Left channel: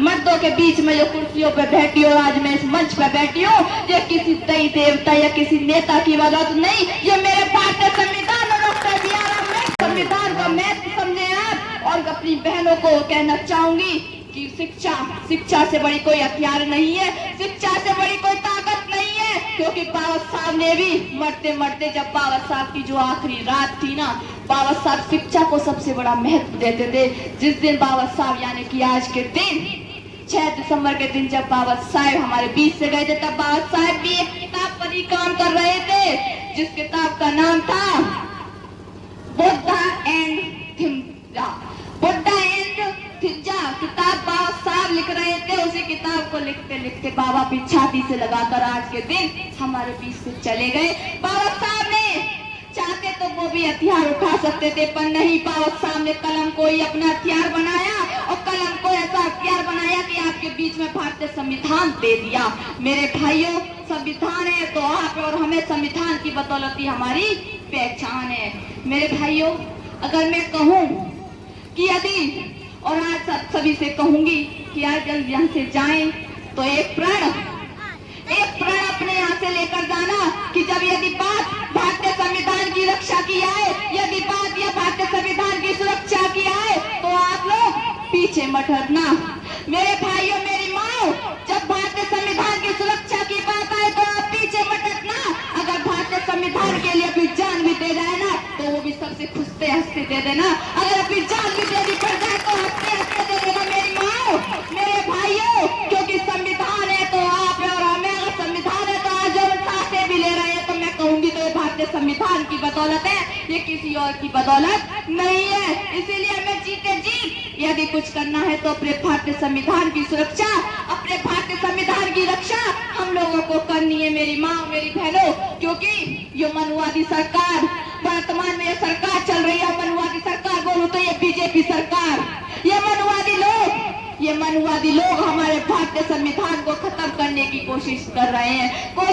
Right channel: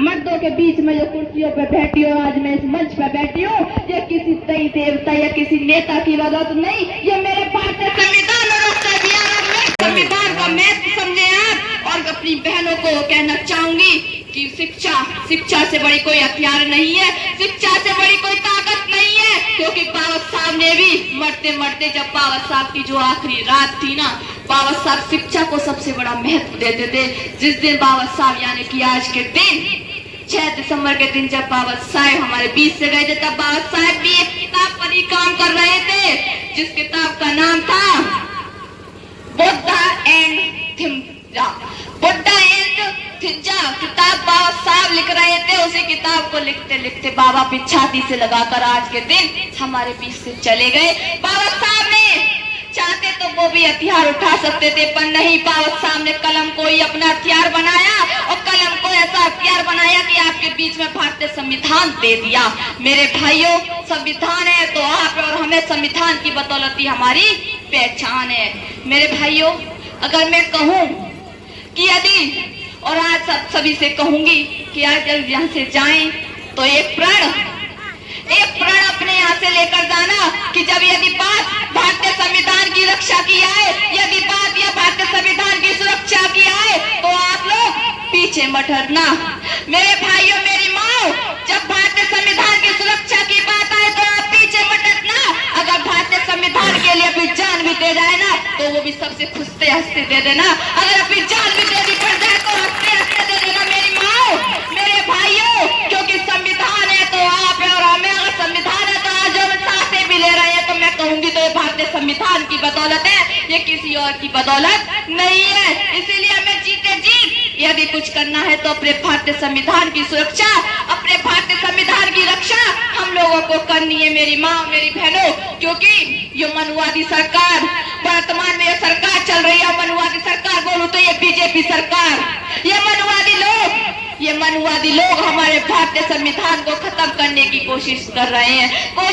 मर्दों के बीच में जो कुर्सियों पे बैठी हो, आज मैं इस मंच पे बैठी हूँ, ये किसी कई देवता या किसी नेता की बदौलत नहीं, ये मेरे भारतीय संविधान और डॉक्टर बी आर अम्बेडकर संविधान का महत्व समझे आप। और अपनी बहनों को कहना चाहूंगी कि शिक्षा से बड़ी कोई हथियार नहीं है, शिक्षा से बड़ी कोई ताकत नहीं है, क्योंकि बाबा साहब ने भी मरते मरते, जब बाबा साहब की जो आखिरी रात थी ना, बाबा साहब शिक्षा को सबसे बड़ा महत्व देते थे। जिस दिन बाबा साहब यानी कि आज के दिन 6 दिसंबर के दिन जब बाबा साहब हमारे बीच से गए थे, तब बाबा साहब भी एक किताब पर ही काम कर रहे थे, जिस किताब का नाम था बुद्धा एंड थिंजा। किताब बाबा साहब लिख रहे थे। उसी किताब को लिखते लिखते बाबा भी छाती से लगाकर आज के दिन हमारे बीच से चले गए। बाबा साहब ने चाहते तो वो भी हथियार उठा सकते थे, पर नहीं, बाबा साहब ने कलम को ही अपना हथियार बनाया, और कलम को ऐसा हथियार बनाया कि आपके बीच में भारतीय संविधान दे दिया। मेरे भाइयों, संविधान है तो आप और हमें संविधान की बदौलत ही हमारी पहचान है। मेरे भाइयों, अगर मैं कहूँ कि यदि, और आज सभी से कहूंगी कि आज जब यहाँ से जाएं तो एक प्रण अपने यहाँ से लेकर जाना कि जब यदि बात भारतीय संविधान की रक्षा की आए, यदि बात या भारतीय संविधान की सुरक्षा की आए, तो आप लोग पीछे मत हटना। मेरे भाइयों, मेरी माँ, जब भारतीय संविधान की सुरक्षा की बात आए तो आप पीछे मत हटना। अगर भारतीय संविधान के लिए अपनी जान भी दे जाए ना, तो वो भी सबसे खुशते हंसते दे देना। अगर अपनी जान भी देनी पड़ जाए तो हंसते हंसते दे देना। मेरी माँ, मेरे भाइयों, क्योंकि संविधान है तो आप और हमें, अगर संविधान है तो आज हम सांसें भी ले रहे हैं, तो मैं कहूंगी तो ये भारतीय संविधान की बदौलत है, ये किसी और की बदौलत नहीं है। इसीलिए हमें जीते जी यदि कुछ करना है तो अपने भारतीय संविधान की सुरक्षा, अपने भारतीय संविधान की रक्षा हम लोगों को करनी है। मेरी माँ, मेरी बहनों, क्योंकि ये मनुवादी सरकार, वर्तमान में ये सरकार चल रही है, मनुवादी सरकार बोलूं तो ये बीजेपी सरकार, ये मनुवादी लोग हमारे भारतीय संविधान को खत्म करने की कोशिश कर रहे हैं और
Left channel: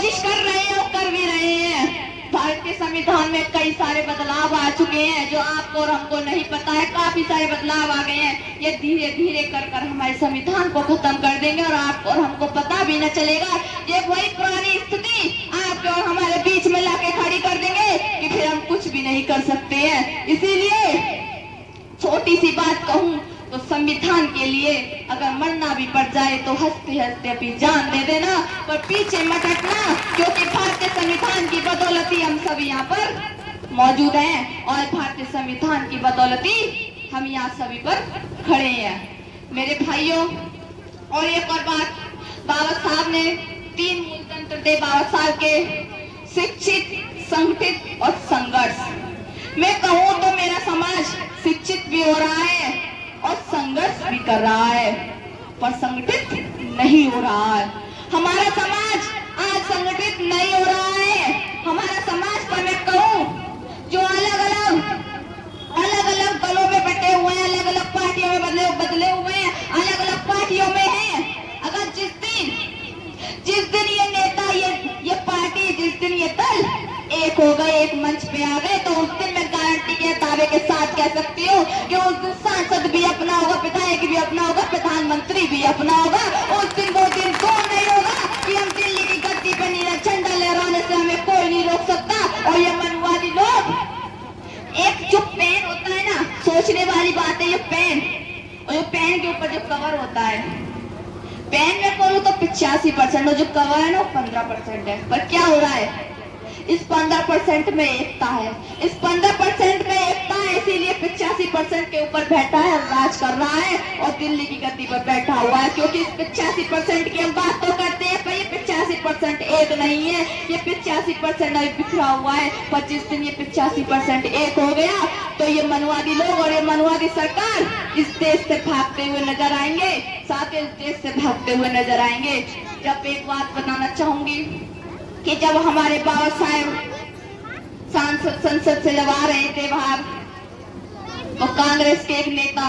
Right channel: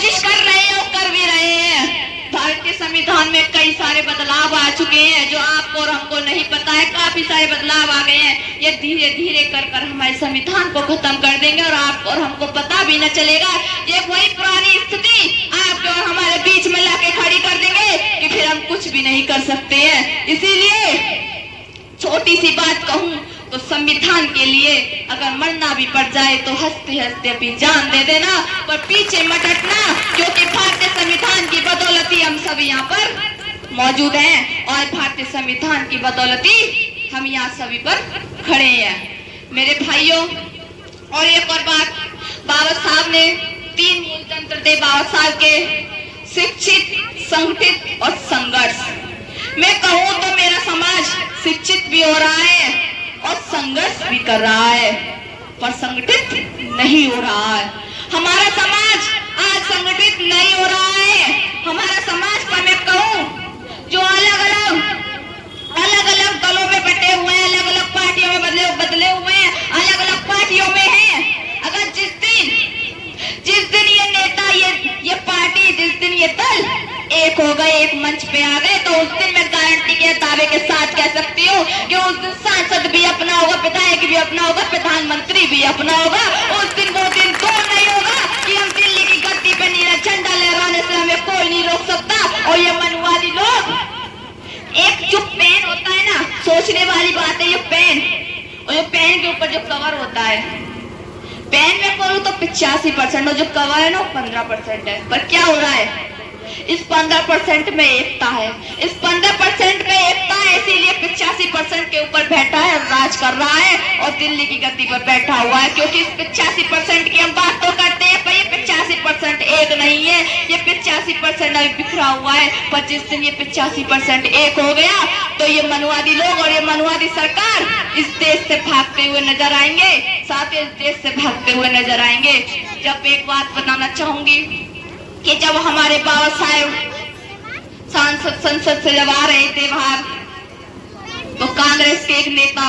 कर भी रहे हैं। भारतीय संविधान में कई सारे बदलाव आ चुके हैं जो आपको और हमको नहीं पता है। काफी सारे बदलाव आ गए हैं। ये धीरे धीरे कर हमारे संविधान को खत्म कर देंगे और आपको और हमको पता भी न चलेगा। ये वही पुरानी स्थिति आपके और हमारे बीच में लाके खड़ी कर देंगे कि फिर हम कुछ भी नहीं कर सकते हैं। इसीलिए छोटी सी बात कहूँ तो संविधान के लिए अगर मरना भी पड़ जाए तो हंसते हंसते अपनी जान दे देना, पर पीछे मत हटना, क्योंकि भारतीय संविधान की बदौलत ही हम सब यहाँ पर मौजूद हैं और भारतीय संविधान की बदौलत ही हम यहाँ सभी पर खड़े हैं। मेरे भाइयों, और एक और बात, बाबा साहब ने 3 मूल तंत्र थे बाबा साहब के, शिक्षित, संगठित और संघर्ष। मैं कहूँ तो मेरा समाज शिक्षित भी हो रहा है और संघर्ष भी कर रहा है, पर संगठित नहीं हो रहा है। हमारा समाज आज संगठित नहीं हो रहा है। हमारा समाज पर मैं कहूँ जो अलग अलग दलों में बटे हुए हैं, अलग अलग पार्टियों में बदले हुए हैं, अलग अलग पार्टियों में हैं। अगर जिस दिन ये नेता, ये पार्टी, जिस दिन ये दल एक हो गए, एक मंच पे आ गए, तो उस दिन मैं गारंटी के दावे के साथ कह सकती हूँ कि उस दिन सांसद भी अपना होगा, विधायक भी अपना होगा, प्रधानमंत्री भी अपना होगा। उस दिन वो दिन दूर नहीं होगा कि हम दिल्ली की गद्दी पे नीला झंडा लहराने से हमें कोई नहीं रोक सकता। और ये मनवादी लोग, एक जो पेन होता है ना, सोचने वाली बात है, ये पेन, और ये पेन के ऊपर जो कवर होता है, पेन में बोलूं तो 85% और जो कवर है ना 15% है। पर क्या हो रहा है, इस 15% में एकता है, इस 15% में एकता है, इसीलिए 85% के ऊपर बैठा है, राज कर रहा है और दिल्ली की गद्दी पर बैठा हुआ है। क्योंकि इस 85% की हम बात तो करते हैं, पर ये 85% एक नहीं है, ये 85% अभी बिखरा हुआ है। पर जिस दिन ये 85% एक हो गया तो ये मनुवादी लोग और ये मनुवादी सरकार इस देश से भागते हुए नजर आएंगे, साथ ही इस देश से भागते हुए नजर आएंगे। जब एक बात बताना चाहूंगी कि जब हमारे बाबा साहब संसद से जब आ रहे थे बाहर, तो कांग्रेस के एक नेता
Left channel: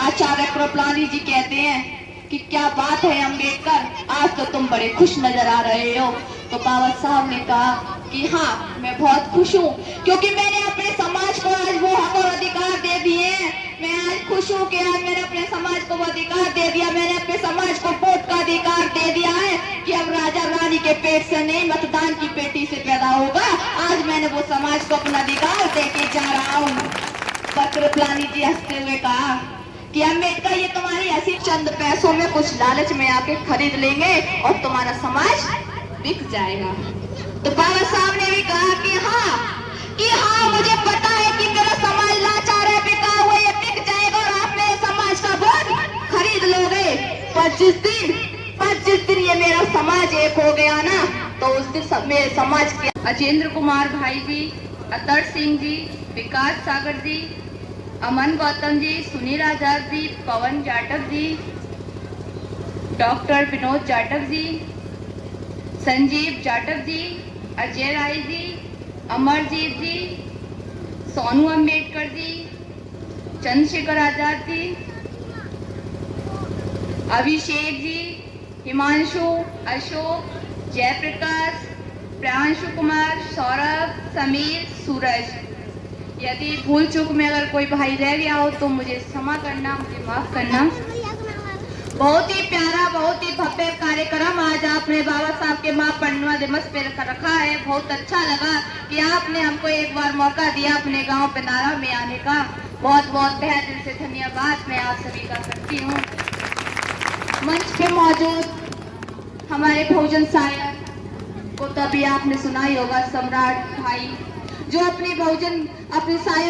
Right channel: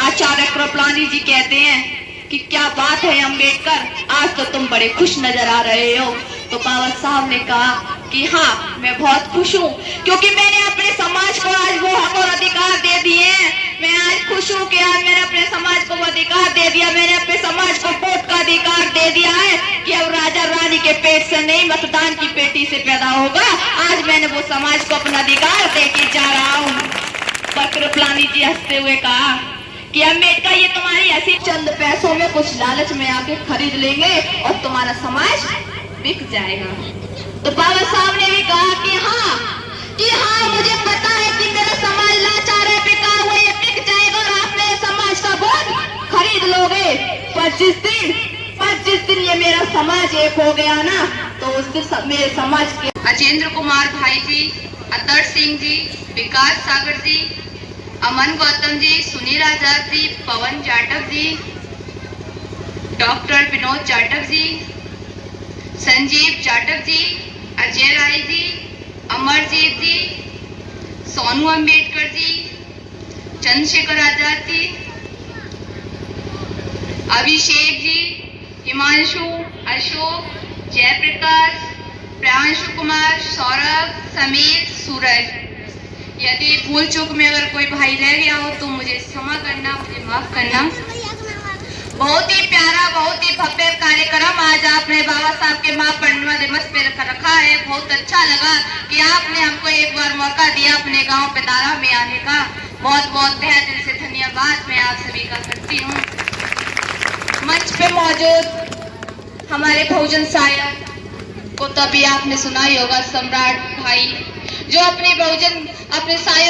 आचार्य कृपलानी जी कहते हैं कि क्या बात है अम्बेडकर, आज तो तुम बड़े खुश नजर आ रहे हो। तो बाबा साहब ने कहा कि हाँ, मैं बहुत खुश हूँ, क्योंकि मैंने अपने समाज को आज वो हक और अधिकार दे दिए हैं मैं आज खुश हूँ कि आज मैंने अपने समाज को वो अधिकार दे दिया, मैंने अपने समाज को वोट का अधिकार दे दिया है कि अब राजा रानी के पेट से नहीं, मतदान की पेटी से पैदा होगा। आज मैंने वो समाज को अपना अधिकार दे के जा रहा हूँ। पर कृपलानी जी हंसते हुए कहा कि अम्बेडकर ये तुम्हारी ऐसी चंद पैसों में कुछ लालच में आके खरीद लेंगे और तुम्हारा समाज बिक जाएगा। तो बाबा साहब ने भी कहा कि हाँ मुझे पता है कि मेरा समाज लाचार है, बिका हुआ, ये बिक जाएगा और आप मेरे समाज का वोट खरीद लोगे। पर जिस दिन ये मेरा समाज एक हो गया ना, तो उस दिन मेरे समाज के अजेंद्र कुमार भाई जी, अतर सिंह जी, विकास सागर जी, अमन गौतम जी, सुनील आजाद जी, पवन जाटव जी, डॉक्टर विनोद जाटव जी, संजीव जाटव जी, अजय राय जी, अमरजीत जी, सोनू अम्बेडकर जी, चंद्रशेखर आजाद जी, अभिषेक जी, हिमांशु, अशोक, जयप्रकाश, प्रियांशु कुमार, सौरभ, समीर, सूरज। यदि भूल चूक में अगर कोई भाई रह गया हो तो मुझे क्षमा करना, मुझे माफ करना। बहुत ही प्यारा, बहुत ही भव्य कार्यक्रम आज आपने बाबा साहब के महापरिनिर्वाण दिवस पे रखा है। बहुत अच्छा लगा कि आपने हमको एक बार मौका दिया अपने गांव पिनारा में आने का। बहुत बहुत तहे दिल से धन्यवाद मैं आप सभी का करती हूँ। मंच पे मौजूद हमारे बहुजन शायर को तो अभी आपने सुना ही होगा, सम्राट भाई, जो अपने बहुजन अपने शायर